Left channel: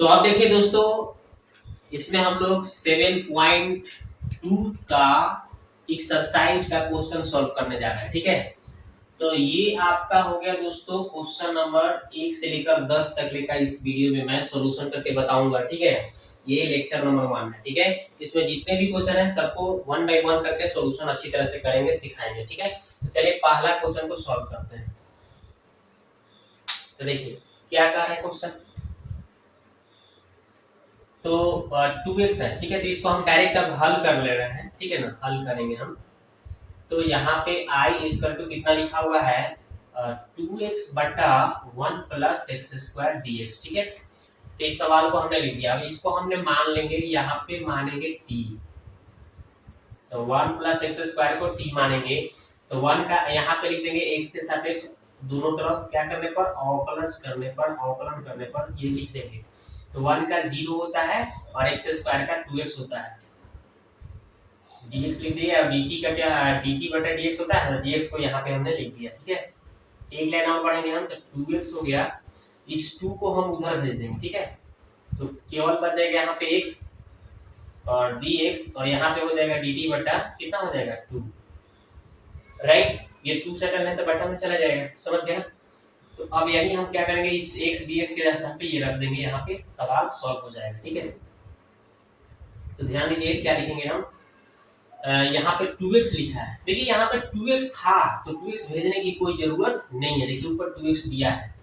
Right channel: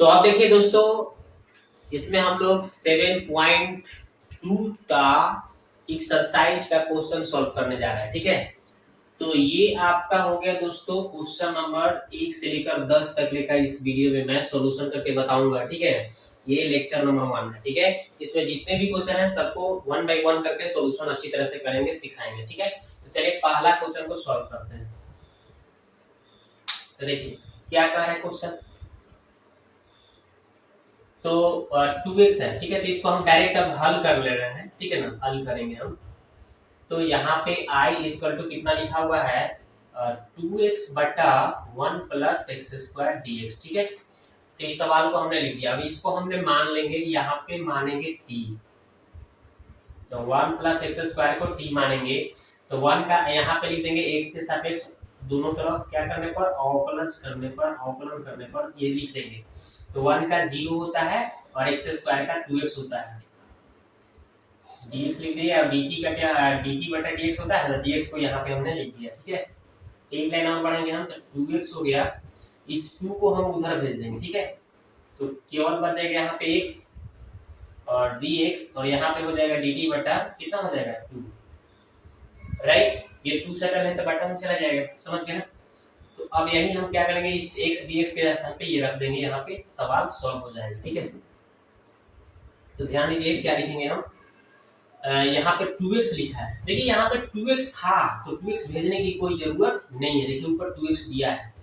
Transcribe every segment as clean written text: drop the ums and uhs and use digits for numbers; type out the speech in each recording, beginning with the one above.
तो आप देखिए दोस्तों, इसमें हम लोग 7.2 का एक्सरसाइज का क्वेश्चन सॉल्व करने जा रहे हैं। ठीक है, तो ये आपका हो गया दोस्तों क्वेश्चन नंबर 1 से लेकर 10 तक लेकर इस वीडियो में मैं सॉल्यूशन करके बताऊंगा। ठीक है, ये लेक्चर नंबर 1 है। ठीक है, इसमें जितने भी क्वेश्चन है सबको 1 बाय 1 करके सॉल्यूशन अच्छी तरह से करेंगे, सिखाएंगे। ठीक है, तो चलिए पहला क्वेश्चन को सॉल्व करते हैं। तो देखिए क्या कह रहा है क्वेश्चन। तो 2x है। ठीक है, तो इसको हम डायरेक्ट अब हल कर ले रहे हैं। ठीक है ना, हल करेंगे हम। तो यहाँ पे i इक्वल टू कितना लिखा हुआ है, 2x बटा 1 plus x square D X. ठीक है, तो इस सवाल को हमने लिख दिया। अब इसको हमने मान लेंगे, यहाँ पे मानेंगे t। तो 1 प्लस एक्स स्क्वायर को t मानेंगे, तो 1 का यहाँ पे लिख देंगे x के सापेक्ष दोनों तरफ क्या करने पर, अवकलन करने पर ये लिख देंगे। तो 1 का 0 होता है और एक्स स्क्वायर का 2x होता है। dx लिख दिया और dt का क्या, dt बटा dx होता है ना, dx को यहाँ पे हमने लिख दिया। ठीक है, एक लाइन और बढ़ेंगे हम, तो 2x हो गया, इस 2 को हम उधर भेज देंगे। ठीक है, तो केवल बच जाएगा यहाँ पे x और dx, और यहाँ पे हो जाएगा dt बटा कितना हो जाएगा 2। राइट, ये 2 सेकंड है तो बटा में चला जाएगा, समझ गए ना। तो अब यही हम क्या करेंगे, इस x dx के स्थान पे ये रख देंगे, यहाँ पे सवाल सॉल्व हो जाएगा। ठीक है, तो ध्यान दीजिए क्या लिखेंगे हम। यहाँ पे 2x लिखा है। देखिए यहाँ पे 2x था तो 2x भेजने की कोई जरूरत नहीं है। देखिए ऊपर 2x दिया है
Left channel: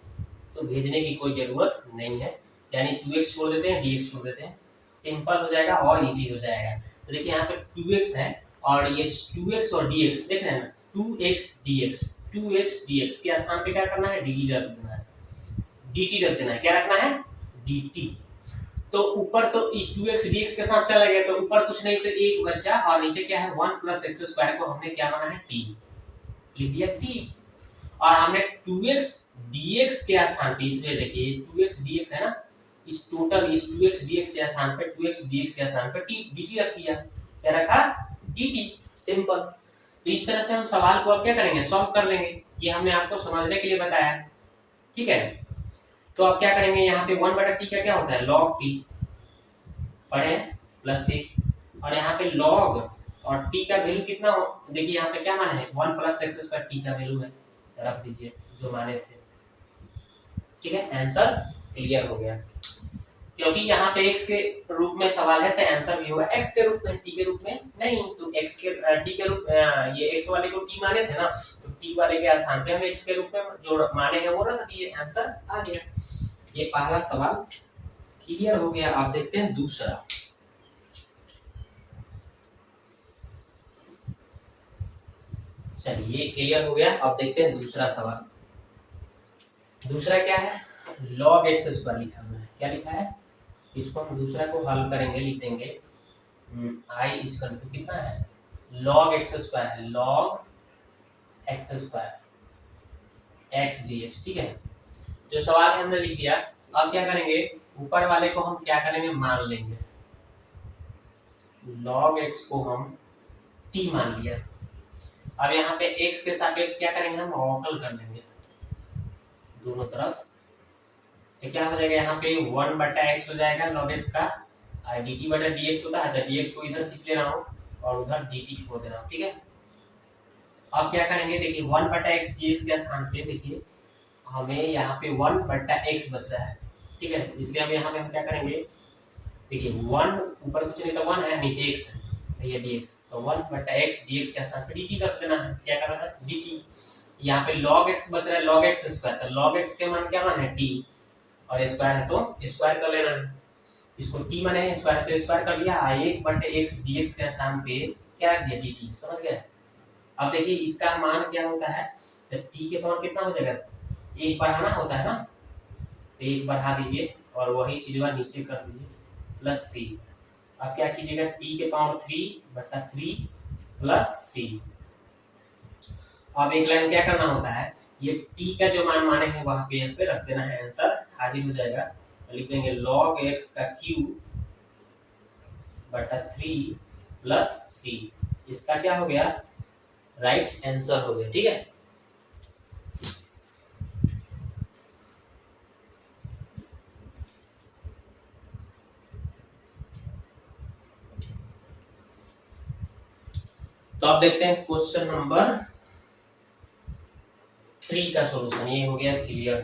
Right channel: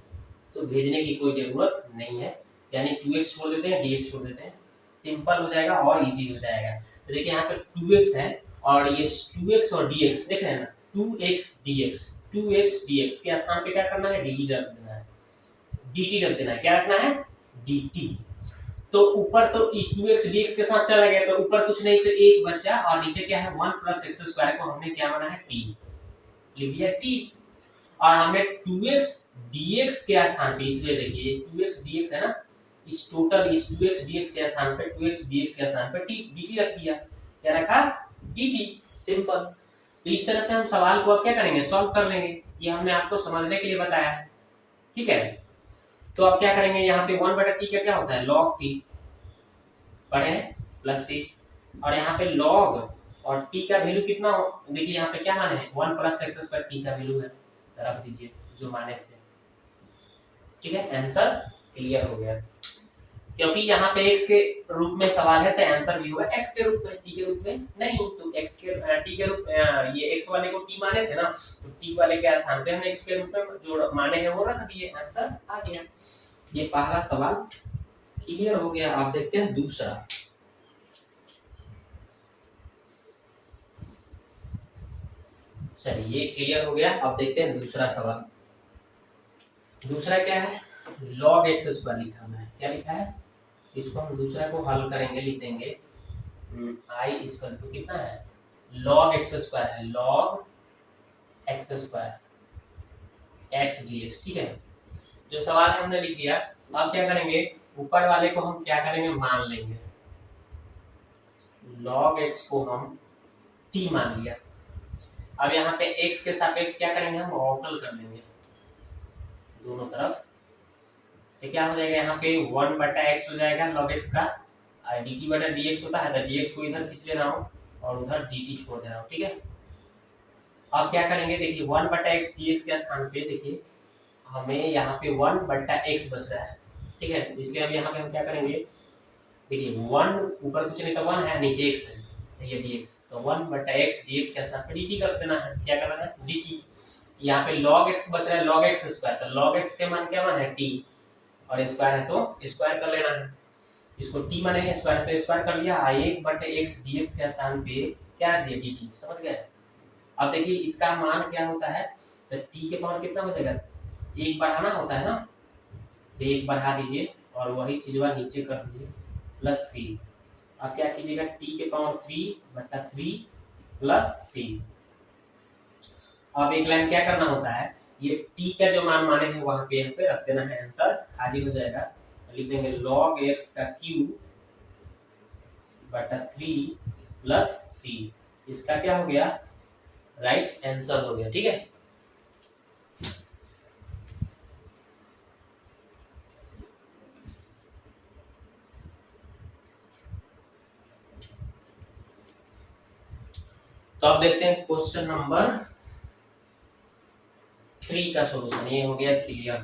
तो भेजने की कोई जरूरत नहीं है, यानी 2x छोड़ देते हैं, dx छोड़ देते हैं, सिंपल हो जाएगा और इजी हो जाएगा। तो देखिए यहाँ पे 2x है और ये 2x और dx देख रहे हैं ना, 2x dx, 2x dx के स्थान पे क्या करना है, dt रख देना है, dt रख देना है, क्या रखना है, dt। तो ऊपर तो इस 2x dx के साथ चला गया, तो ऊपर कुछ नहीं तो 1 बचा, और नीचे क्या है 1 प्लस एक्स स्क्वायर को हमने क्या माना है, t, लिख दिया t। और हमने 2x dx के स्थान पे, इसलिए देखिए 2x dx है ना, इस टोटल इस 2x dx के स्थान पे 2x dx के स्थान पे t dt रख दिया, क्या रखा, dt, सिंपल। तो इस तरह से हम सवाल को अब क्या करेंगे, सॉल्व कर लेंगे। ये हमने आपको समझने के लिए बताया है। ठीक है, तो अब क्या करेंगे, यहाँ पे 1 बटा t का क्या होता है, log t, पढ़े प्लस c, और यहाँ पे log और t का वैल्यू कितना हो, देखिए यहाँ पे क्या माने हैं, 1 प्लस एक्स स्क्वायर t का वैल्यू है, तो रख दीजिए जो माने थे। ठीक है, आंसर क्लियर हो गया, क्योंकि यहाँ पे x के रूप में सवाल है तो आंसर भी होगा x के रूप में, t के रूप में नहीं। तो x के t के रूप ये x वाले को t माने थे ना, तो t वाले के स्थान पे हम x के रूप में जो माने हैं वो रख दिए, आंसर आ गया। ये पहला सवाल क्लियर हो गया। आप देखते हैं दूसरा। चलिए ये क्लियर हो गया, अब देखते हैं दूसरा सवाल। दूसरा क्या है, log x स्क्वायर लिखा हुआ है, क्या लिखा है, इसको हम दूसरा को हल करेंगे, लिख देंगे i इक्वल टू कितना है, log x स्क्वायर है, log x square x dx। ठीक है, जो सवाल है हमने लिख दिया। अब क्या करेंगे, ऊपर वाले को हम क्या करेंगे, मान लेंगे, log x को हम t मान लिया। अब यहाँ पे x के सापेक्ष क्या करेंगे, हम अवकल कर लेंगे दोनों तरफ, तो क्या हो जाएगा, यहाँ पे 1 बटा x हो जाएगा log x का, और dt बटा dx होता है, तो dx को इधर खींच लेना हो और उधर dt छोड़ देना हो। ठीक है, अब क्या करेंगे, देखिए 1 बटा x dx के स्थान पे देखिए हमें यहाँ पे 1 बटा x बच रहा है। ठीक है, इसलिए अब यहाँ पे हम क्या करेंगे, देखिए 1 ऊपर कुछ नहीं तो 1 है, नीचे x है, तो ये dx, तो 1 बटा x dx के स्थान पे dt कर देना है, क्या करना है, dt। यहाँ पे log x बच रहा है, log x स्क्वायर, तो log x के मान क्या मान है, t, और स्क्वायर है तो स्क्वायर कर लेना है, इसको t माने स्क्वायर तो स्क्वायर कर लिया, 1 बटे x dx के स्थान पे क्या रख दिया, dt, समझ गए। अब देखिए इसका मान क्या होता है, तो t के पावर कितना हो जाएगा, 1 बढ़ाना होता है ना, तो 1 बढ़ा दीजिए और वही चीज नीचे कर दीजिए प्लस c। अब क्या कीजिएगा, t के पावर 3 बटा 3 प्लस c। अब एक लाइन क्या करना होता है, ये t का जो मान माने हैं वहां पे यहाँ पे रख देना है, आंसर हाजिर हो जाएगा। तो लिख देंगे log x का क्यूब बटा 3 प्लस c, इसका क्या हो गया, राइट आंसर हो गया। ठीक है, तो अब देखते हैं क्वेश्चन नंबर 3 का सॉल्यूशन। ये हो गया क्लियर।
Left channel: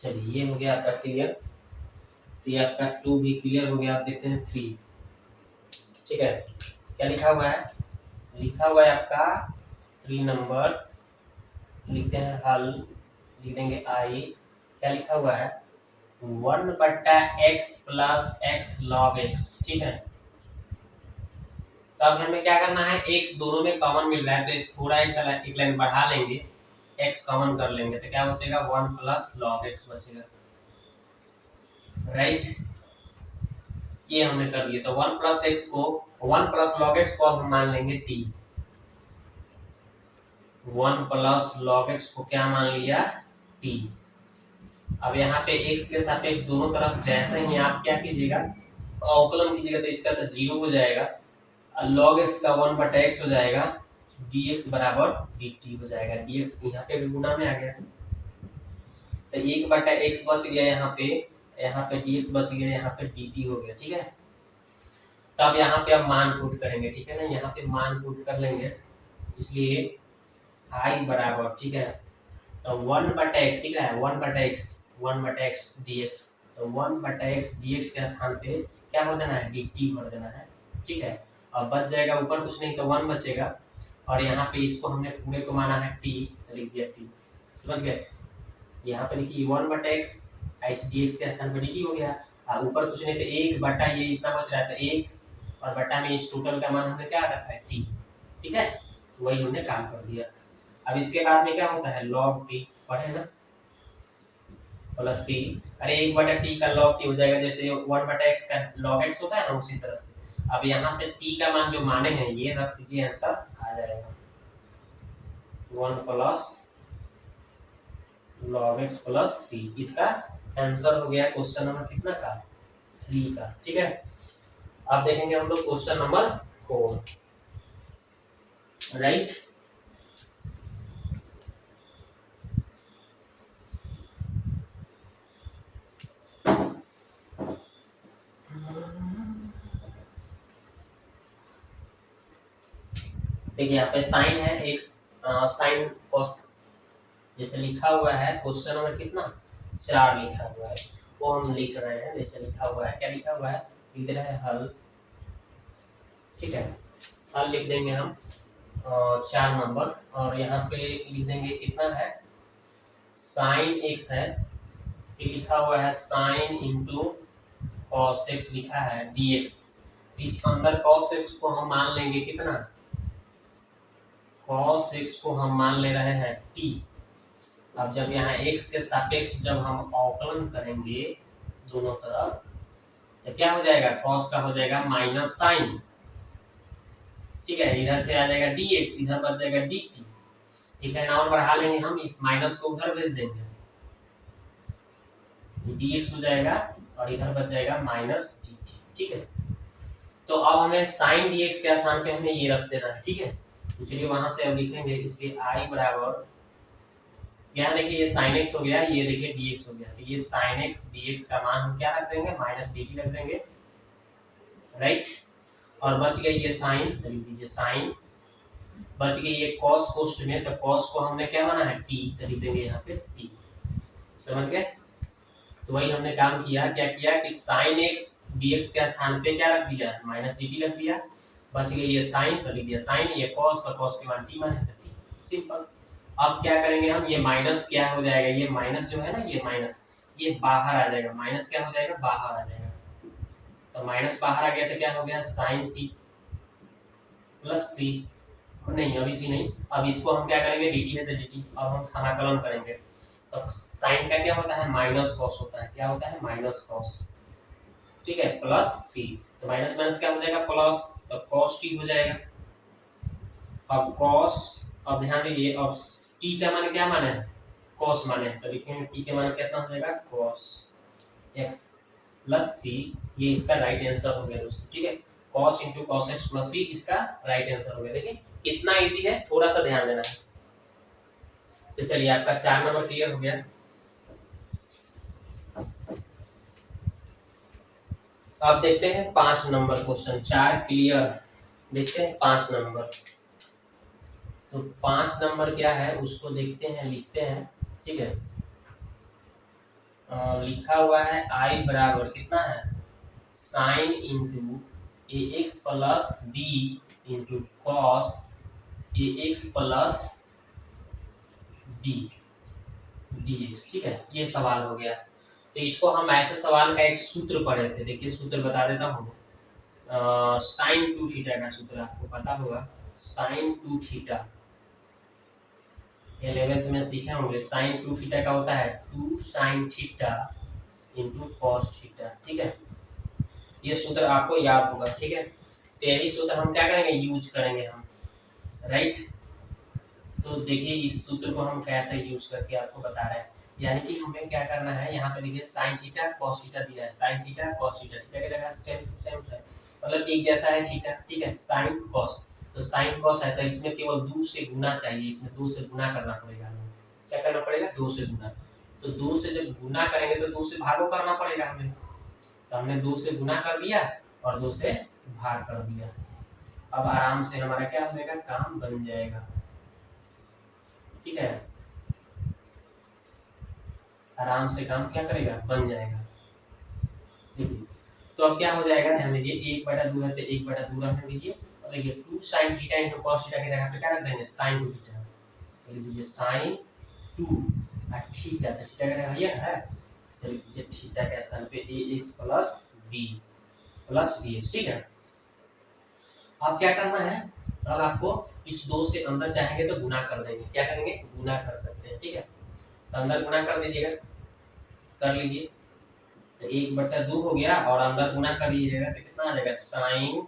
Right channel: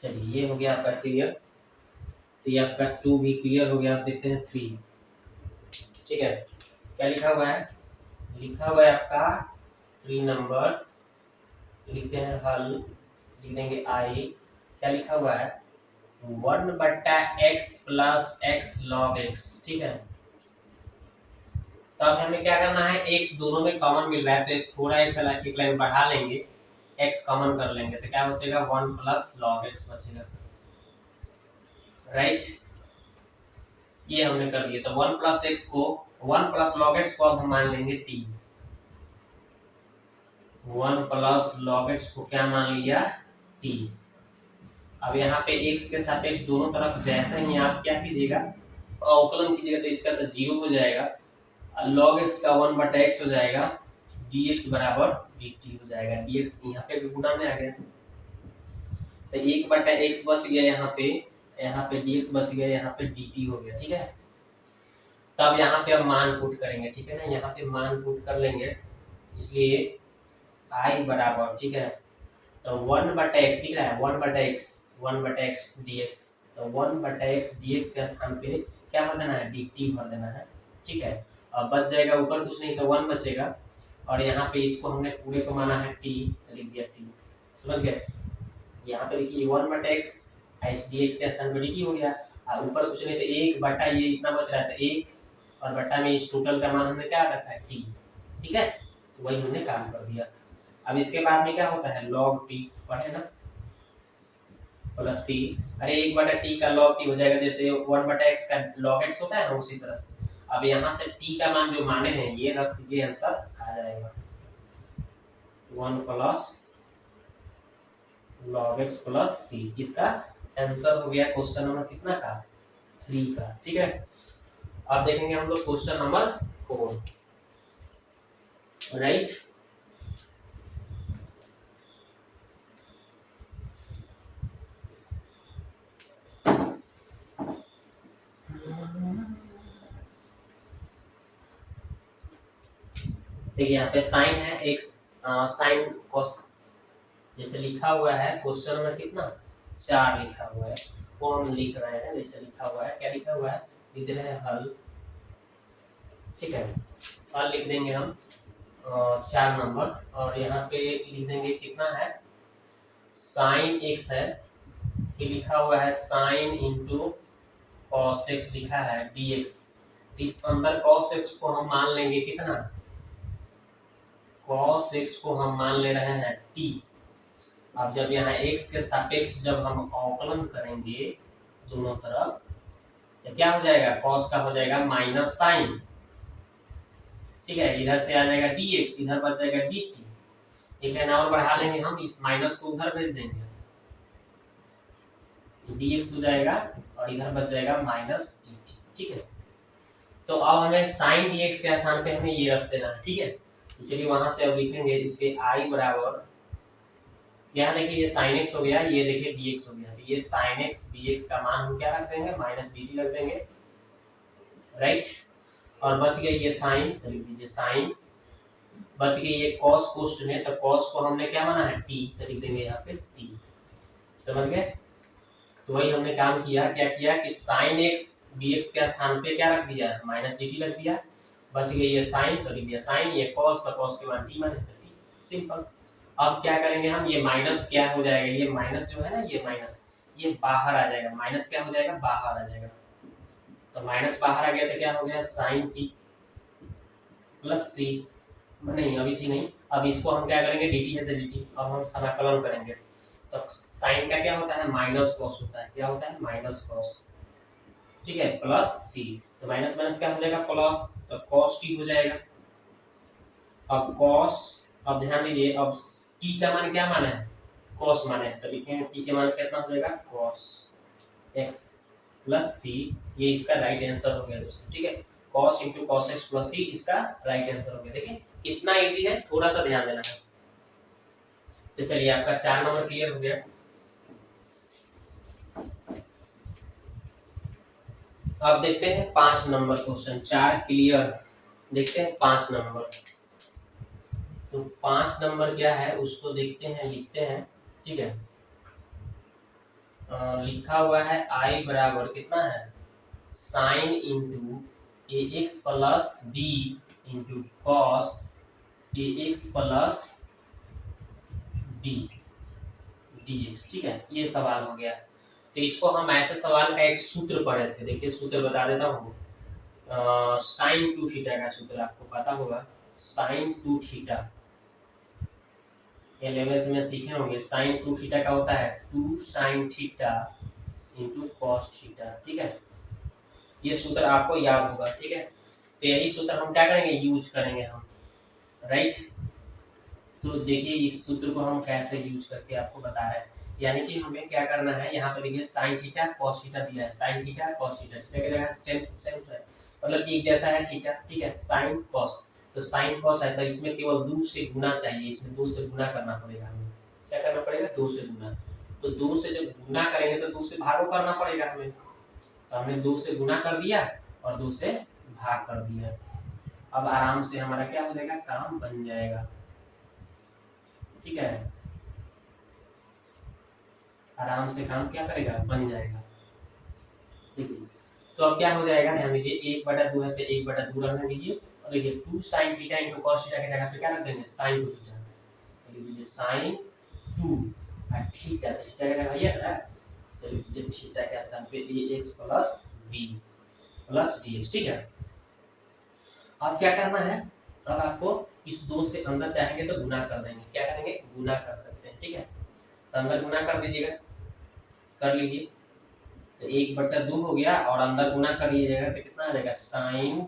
चलिए ये हो गया आपका क्लियर। तो ये आपका 2 भी क्लियर हो गया। आप देखते हैं 3। ठीक है, क्या लिखा हुआ है? लिखा हुआ है आपका 3 नंबर। लिखते हैं हल, लिख देंगे आई। क्या लिखा हुआ है? 1/x plus x log x. ठीक है, तो अब हमें क्या करना है, x दोनों में कॉमन मिल रहा है तो थोड़ा एक लाइन बढ़ा लेंगे, x कॉमन कर लेंगे तो क्या बचेगा? 1 प्लस लॉग एक्स बचेगा। राइट, ये हमने कर दिया। तो 1 प्लस एक्स को, 1 प्लस लॉग एक्स को अब हम मान लेंगे t। 1 प्लस लॉग एक्स को क्या मान लिया? t। अब यहाँ पे x के सापेक्ष दोनों तरफ जैसे ही आप क्या कीजिएगा, अवकलन कीजिएगा तो इसका तो 0 हो जाएगा, log x का 1/x हो जाएगा, dx बराबर dt हो जाएगा। dx यहाँ पे भी गुणा में आ गया तो 1/x बच गया यहाँ पे dx बच गया, यहाँ पे dt हो गया। ठीक है, तब यहाँ पे अब मान पुट करेंगे। ठीक है ना, यहाँ पे मान पुट कर लेंगे, इसलिए i बराबर, ठीक है, तो 1/x दिख रहा है, 1/x dx, तो 1/x dx के स्थान पे क्या भर देना है? dt भर देना है। ठीक है, और बच जाएगा ऊपर कुछ नहीं तो 1 बचेगा, और यहाँ पे इसको हमने पूरे को माना है t तो लिख दिया t। समझ गए? यहाँ पे देखिए 1/x dx के स्थान पे dt हो गया, और ऊपर कुछ नहीं तो 1 बटा ये इतना बच रहा है तो 1, और बटा में इस टोटल का मान हमने क्या रखा है? t। ठीक है, तो वही हमने काम कर दिया। अब इसके बाद में क्या होता है? log t पढ़े ना, प्लस सी। अरे 1/t का log t हो जाएगा, जैसे 1/x का log x होता है ना, उसी तरह से। अब यहाँ से t का मान जो माने हैं ये रख दीजिए, आंसर आ जाएगा 1 plus log x plus c। इसका आंसर हो गया क्वेश्चन नंबर कितना का? 3 का। ठीक है, अब देखेंगे हम लोग क्वेश्चन नंबर 4। राइट, देखिए यहाँ पे साइन है, एक साइन कॉस जैसे लिखा हुआ है। क्वेश्चन नंबर कितना? 4 लिखा हुआ है, वो हम लिख रहे हैं। जैसे लिखा हुआ है, क्या लिखा हुआ है? लिख रहे हैं हल। ठीक है, हल लिख देंगे हम 4 नंबर, और यहाँ पे लिख देंगे कितना है? साइन एक्स है, ये लिखा हुआ है साइन इंटू कॉस एक्स लिखा है dx। इस अंदर कॉस एक्स को हम मान लेंगे कितना? cos x को हम मान ले रहे हैं t। अब जब यहाँ x के सापेक्ष जब हम अवकलन करेंगे दोनों तरफ तो क्या हो जाएगा? cos का हो जाएगा माइनस साइन। ठीक है, इधर से आ जाएगा dx, इधर बच जाएगा dt। एक लाइन और बढ़ा लेंगे हम, इस माइनस को उधर भेज देंगे, dx हो जाएगा, और इधर बच जाएगा माइनस dt। ठीक है, तो अब हमें साइन dx के स्थान पे हमें ये रख देना है। ठीक है, तो चलिए वहां से अब लिखेंगे, इसलिए i बराबर, यहाँ देखिए ये sin x हो गया, ये देखिए dx हो गया, तो ये sin x dx का मान हम क्या रख देंगे? माइनस dt रख देंगे। राइट, और बच गया ये साइन, तो लिख दीजिए साइन। बच गई ये cos कोष्ठ में, तो cos को हमने क्या माना है? t, तो लिख देंगे यहाँ पे t। समझ गए? तो वही हमने काम किया, क्या किया कि sin x dx के स्थान पे क्या रख दिया? माइनस dt रख दिया। बच गई ये साइन, तो लिख दिया साइन, ये cos का cos के मान t माने तो t। सिंपल। अब क्या करेंगे हम? ये माइनस क्या हो जाएगा? ये माइनस जो है ना, ये माइनस ये बाहर आ जाएगा, माइनस क्या हो जाएगा? बाहर आ जाएगा। तो माइनस बाहर आ गया तो क्या हो गया? साइन टी प्लस सी। नहीं, अभी सी नहीं, अब इसको हम क्या करेंगे? डी टी है तो डी टी, अब हम समाकलन करेंगे। तो साइन का क्या होता है? माइनस कॉस होता है। क्या होता है? Minus cos. ठीक है, प्लस सी, तो माइनस माइनस क्या हो जाएगा? प्लस, तो कॉस टी हो जाएगा। अब कॉस, अब ध्यान दीजिए, अब टी का मान क्या माना है? कॉस माने, तो लिखेंगे टी के मान कितना हो जाएगा? Cos X plus C. ये इसका राइट आंसर हो गया दोस्तों। ठीक है, cos into cos X plus C इसका राइट आंसर हो गया। देखिए कितना इजी है, थोड़ा सा ध्यान देना है। तो चलिए आपका 4 नंबर क्लियर हो गया। अब देखते हैं 5 नंबर क्वेश्चन, 4 क्लियर। देखते हैं 5 नंबर। तो 5 नंबर क्या है उसको देखते हैं, लिखते हैं। ठीक है, लिखा हुआ है आई बराबर कितना है, sine into A X plus B into cos A X plus B D X. ठीक है, ये सवाल हो गया। तो इसको हम ऐसे सवाल का एक सूत्र पढ़े थे, देखिए सूत्र बता देता हूँ। साइन टू थीटा का सूत्र आपको पता होगा, साइन टू थीटा 11th में सीखे होंगे। साइन टू थीटा का होता है two sine theta into cos theta. ठीक है, ये सूत्र आपको याद होगा। ठीक है, तो यही सूत्र हम क्या करेंगे, यूज करेंगे हम, राइट। तो देखिए इस सूत्र को हम कैसे यूज करके आपको बता रहे हैं। यानी कि हमें क्या करना है, यहाँ पे देखिए साइन थीटा कॉस थीटा दिया है, sine theta cos theta, theta की जगह सेम है, मतलब एक जैसा है थीटा। ठीक है, साइन कॉस, तो साइन कॉस है तो इसमें केवल 2 से गुना चाहिए, इसमें 2 से गुना करना पड़ेगा हमें। क्या करना पड़ेगा, 2 से गुना। तो 2 से जब गुना करेंगे तो 2 से भागो करना पड़ेगा हमें, तो हमने 2 से गुना कर दिया और 2 से भाग कर दिया। अब आराम से हमारा क्या हो जाएगा, काम बन जाएगा। ठीक है, आराम से काम क्या करेगा, बन जाएगा। ठीक है, तो अब क्या हो जाएगा, ध्यान दीजिए 1/2 है तो 1/2 रहने दीजिए। और देखिए 2 sin theta into cos theta की जगह पे क्या रख देंगे, sin 2 थीटा। तो लिख दीजिए sin 2 और थीटा, तो थीटा का जगह ये है, तो लिख दीजिए थीटा के स्थान पे ax plus b plus dx। ठीक है, अब क्या करना है, अब आपको इस 2 से अंदर चाहेंगे तो गुना कर देंगे, क्या करेंगे, गुना कर सकते हैं। ठीक है, तो अंदर गुना कर दीजिएगा, कर लीजिए। तो 1/2 हो गया और अंदर गुना कर लीजिएगा तो कितना आ जाएगा, साइन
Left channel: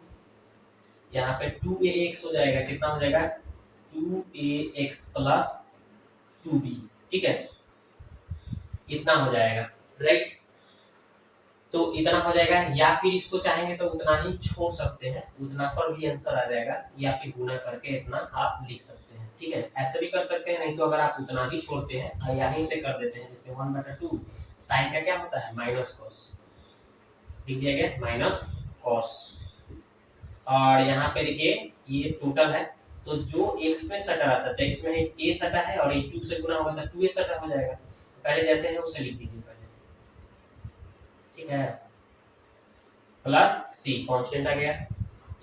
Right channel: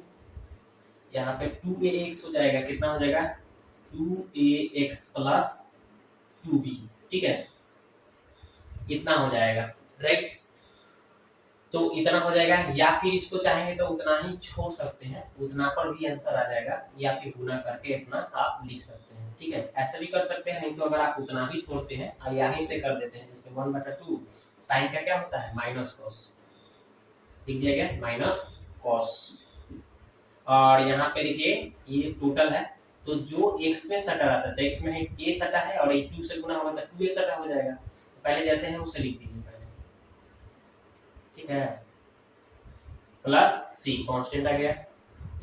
यहाँ पे 2ax हो जाएगा, कितना हो जाएगा 2ax प्लस 2b। ठीक है, इतना हो जाएगा, राइट। तो इतना हो जाएगा, या फिर इसको चाहेंगे तो उतना ही छोड़ सकते हैं, उतना पर भी आंसर आ जाएगा, या फिर गुना करके इतना आप लिख सकते हैं। ठीक है, ऐसे भी कर सकते हैं, नहीं तो अगर आप उतना ही छोड़ते हैं और यहीं से कर देते हैं, जैसे 1/2 साइन का क्या होता है, माइनस कॉस, लिख दिया गया माइनस कॉस। और यहाँ पे देखिए ये टोटल है, तो जो x में सटा रहता है, x में a सटा है और 2 से गुना होगा तो 2a सटा हो जाएगा। तो पहले जैसे है उसे लिख दीजिए पहले। ठीक है, प्लस c कांस्टेंट आ गया,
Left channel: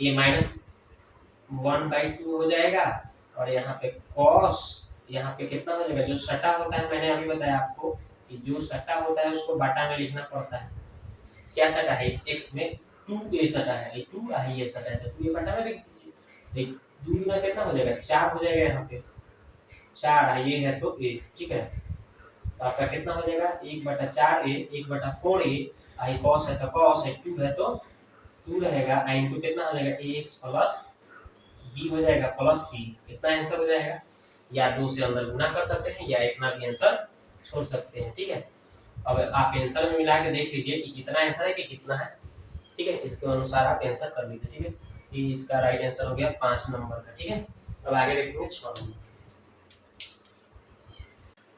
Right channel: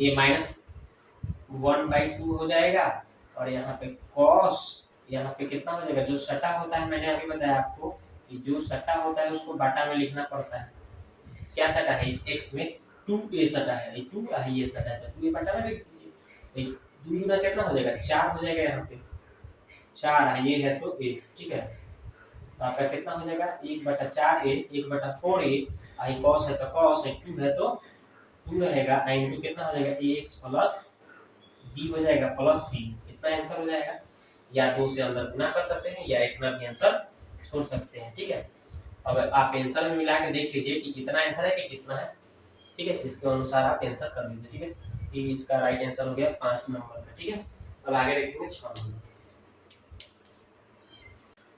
ये -1/2 हो जाएगा। और यहाँ पे cos, यहाँ पे कितना हो जाएगा, जो सटा होता है मैंने अभी बताया आपको कि जो सटा होता है उसको बटा में लिखना पड़ता है। क्या सटा है, इस x में 2a सटा है, 2 ये सटा है तो 2a बटा में लिख दीजिए। 2 गुना कितना हो जाएगा, 4 हो जाएगा, यहाँ पे 4 ये है तो a। ठीक है, तो आपका कितना हो जाएगा, 1/4a 1/4a, आई cos है तो cos है, 2 है तो 2 रहेगा, आई इनटू कितना हो जाएगा ax प्लस b हो जाएगा प्लस c। इतना आंसर हो जाएगा, या 2 से अंदर गुना कर सकते हैं या इतना भी आंसर छोड़ सकते हैं। ठीक है, अब आप आंसर में मिला के देख लीजिए कि कितना आंसर है कि कितना है। ठीक है, इसके अनुसार आप आंसर कर लीजिए। ठीक है, ये इसका राइट आंसर हो गया 5 नंबर का। ठीक है, अब आगे देखेंगे 6 नंबर।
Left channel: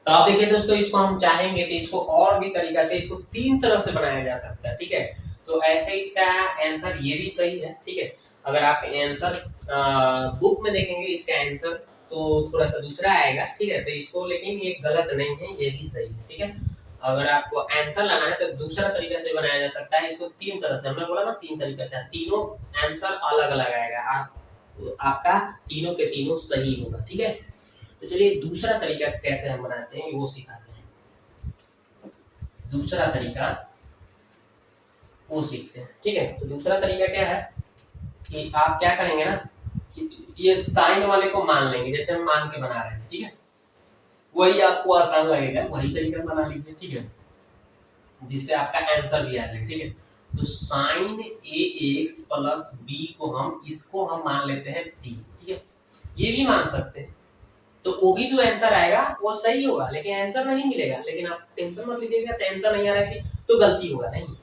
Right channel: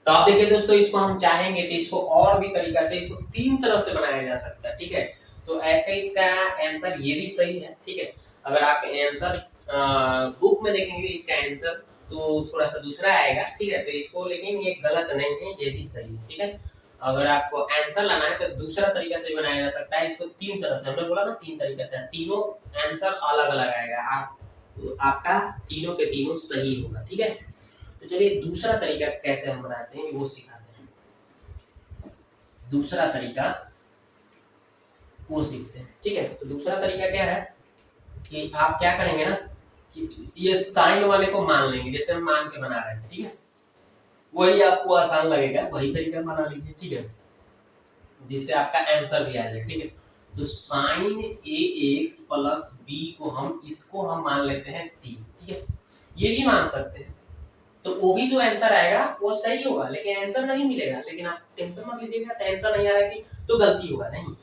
तो आप देखिए दोस्तों, इसको हम चाहेंगे तो इसको और भी तरीका से, इसको 3 तरह से बनाया जा सकता है। ठीक है, तो ऐसे इसका आंसर ये भी सही है। ठीक है, अगर आप आंसर बुक में देखेंगे इसका आंसर तो थोड़ा सा दूसरा आएगा। ठीक है, तो इसको, लेकिन ये गलत नहीं है, ये भी सही है। ठीक है, अगर आपको आंसर लाना है तो दूसरा तरीका से बनाया जा सकता है, इसको 3 तरह से, हमने बोला ना 3 तरीका से, तीनों आंसर अलग अलग आएगा, आपका तीनों के तीनों सही होगा। ठीक है, तो चलिए दूसरा तरीका कैसे हम बनाते हैं वो सिखाते हैं। दूसरा तरीका वो सीखते हैं। ठीक है, तो दूसरा तरीका क्या है कि आप क्या करेंगे ना, कि ये साइन वाले को मान लेंगे, जैसे हम मान के बना रहे हैं। ठीक है, वही आपको आसान लगेगा, वही तरीका बना लीजिए। ठीक है, जिससे आपका आंसर भी आ जाएगा। ठीक है, तो साइन ax प्लस b को हम, इसको हम मान लेते हैं t। ठीक है, ये भी मान सकते हैं, तो वो भी जो आंसर आएगा वो सही होगा, लेकिन आंसर नहीं मिलेगा। लेकिन आप टेंशन मत लीजिएगा, तो आंसर नहीं आ रहा है कि तो गलती होगा, नहीं,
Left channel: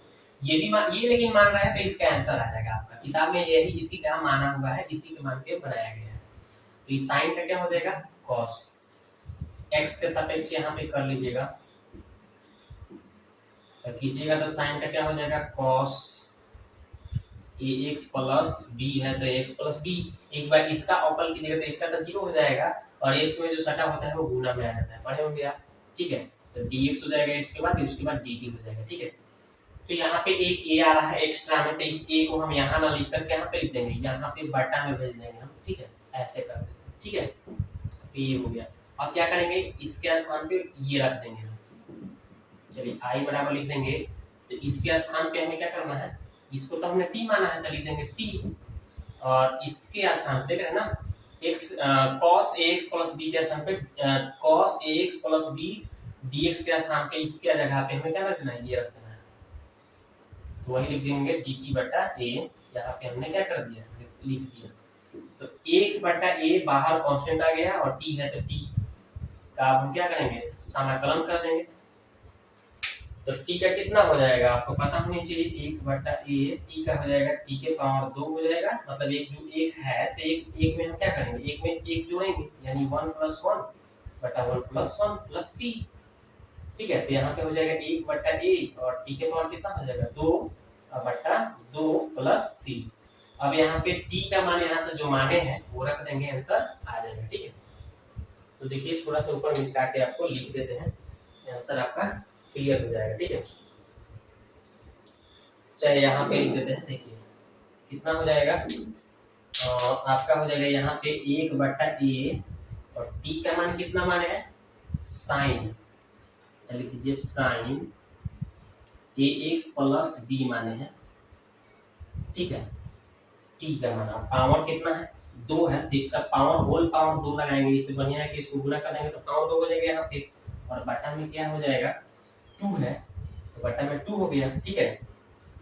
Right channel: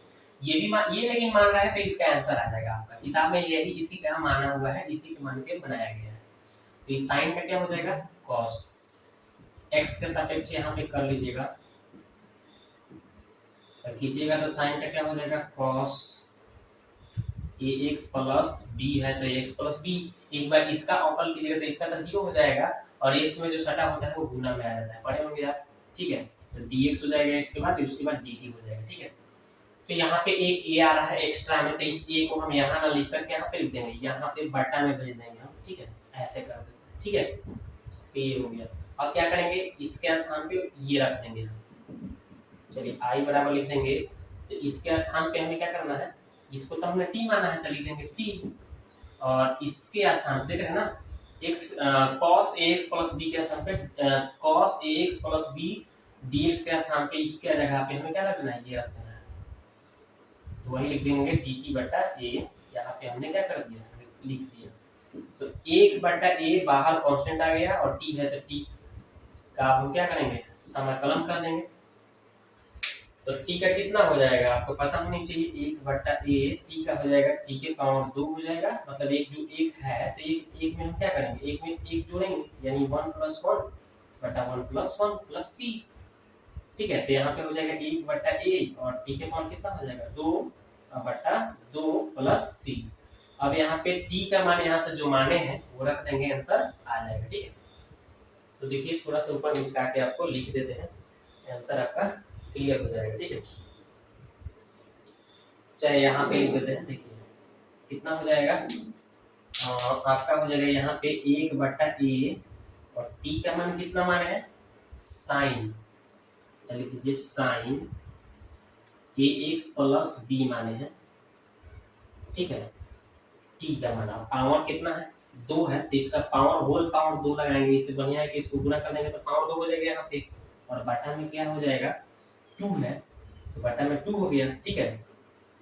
ये भी ये लेकिन मान रहा है तो इसका आंसर आ जाएगा आपका। किताब में यही इसी का माना हुआ है, इसी के मान के बनाया गया है। तो ये साइन का क्या हो जाएगा, cos, x के सापेक्ष यहाँ पे कर लीजिएगा, कीजिएगा तो साइन का क्या हो जाएगा, cos ए एक्स प्लस बी है तो एक्स प्लस बी, एक बार इसका ऑपल कीजिएगा तो इसका तो जीरो हो जाएगा, और एक्स में जो सटा होता है वो गुना में आ जाता है, पढ़े होंगे आप, ठीक है। तो dx हो जाएगा इसके बाद, उसके बाद dt हो जाएगा, ठीक है। तो यहाँ पे एक ए आ रहा है एक्स्ट्रा में, तो इस ए को हम यहाँ ना लिख करके यहाँ पे लिख देंगे, यहाँ पे बटा में भेज देंगे हम, ठीक है, ऐसे कर देंगे, ठीक है। तो ये हो गया। अब क्या करेंगे, इसके स्थान पे ये रख देंगे हम, चलिए आई बराबर लिख देंगे। तो इसके स्थान पे हमें क्या करना है, इसको तो हमने टी माना है तो लिख देंगे टी, और इसके स्थान पे ना x cos ax plus b के स्थान पे cos ax plus b dx के स्थान पे इसके जगह पे हमें क्या रखना है, ये रखना है, तो वही लिख देंगे dt बटा a। यहाँ पे हमने क्या कर दिया, लिख दिया। तो 1 बटा a बाहर कांस्टेंट आ गया, और t है तो t का अब हम क्या करेंगे, समाकलन कर देंगे। तो t का कितना हो जाएगा आपको पता होनी चाहिए, 1 बटा a t का हो जाएगा t के पावर 2 हो जाएगा, मतलब एक जो एक है तो एक में हम क्या करेंगे, एक में एक जोड़ेंगे, यानी 1 प्लस 1 बटा 1 प्लस 1 प्लस c, ठीक है। तो यहाँ पे हो जाएगा 1 बटा a, और t के पावर कितना हो जाएगा 2 बटा 2 प्लस c। अब यहाँ पे t का मान यहाँ से जो माने हैं वो रख देंगे, आंसर आ जाएगा, ठीक है। तो देखिए थोड़ा सा ऊपर मिटा के आपको लिख देते हैं, आंसर आपका क्लियर हो जाएगा, ठीक है। चाहे यहाँ पे लिख देते हैं, देखिए कितना हो जाएगा, आपका हो जाएगा यहाँ पे 1 बटा ए, और t का मान कितना माने है, साइन, तो लिख दीजिए साइन ए एक्स प्लस बी माने हैं, ठीक है। t का मान पावर कितना है, 2 है, तो इसका पावर होल पावर 2 लगाएंगे, इससे बढ़िया है कि इसको गुना कर देंगे तो पावर 2 हो जाएगा यहाँ पे, और बटा में क्या हो जाएगा 2 है, तो बटा में 2 हो गया, ठीक है,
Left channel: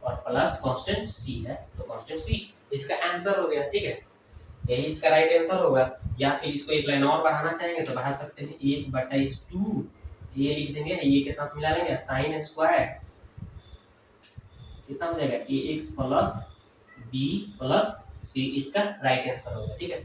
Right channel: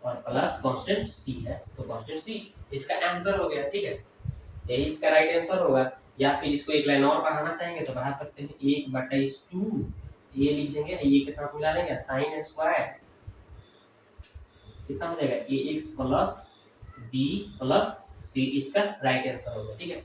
और प्लस कांस्टेंट c है, तो कांस्टेंट c इसका आंसर हो गया, ठीक है। यही इसका राइट आंसर होगा। या फिर इसको एक लाइन और बढ़ाना चाहेंगे तो बढ़ा सकते हैं, 1 बटा इस 2 ये लिख देंगे, ये के साथ मिला लेंगे, साइन स्क्वायर कितना हो जाएगा ए X plus B plus C, इसका राइट आंसर होगा, ठीक है।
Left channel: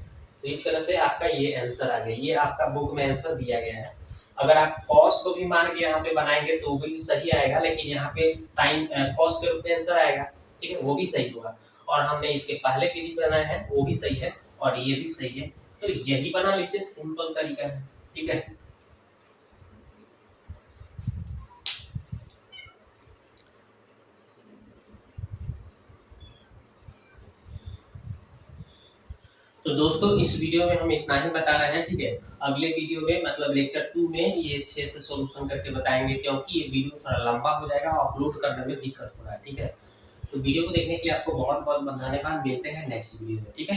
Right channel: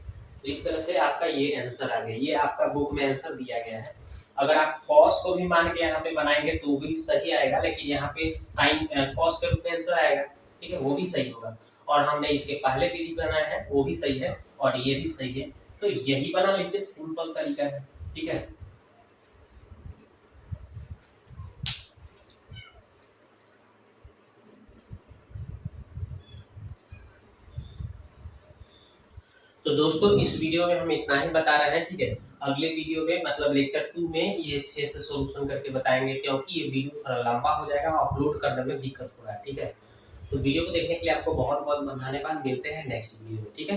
तो इस तरह से आपका ये आंसर आ गया, ये आपका बुक में आंसर दिया गया है। अगर आप cos को भी मान के यहाँ पे बनाएंगे तो भी सही आएगा, लेकिन यहाँ पे sin cos के रूप में आंसर आएगा, ठीक है, वो भी सही होगा। और हमने इसके पहले विधि बनाया है वो भी सही है, और ये भी सही है, तो यही बना लीजिए, सिंपल तरीका है, ठीक है। तो दोस्तों इस वीडियो में हम इतना ही बता रहे हैं, ठीक है। अगले वीडियो में मतलब लेक्चर 2 में ये 6 से सॉल्यूशन करके बताएंगे, क्योंकि ये वीडियो थोड़ा लंबा हो जाएगा और अपलोड करने में दिक्कत हो रहा है, ठीक है। तो वीडियो को देखने के लिए आपको बहुत बहुत धन्यवाद, मिलते हैं नेक्स्ट वीडियो में, ठीक है।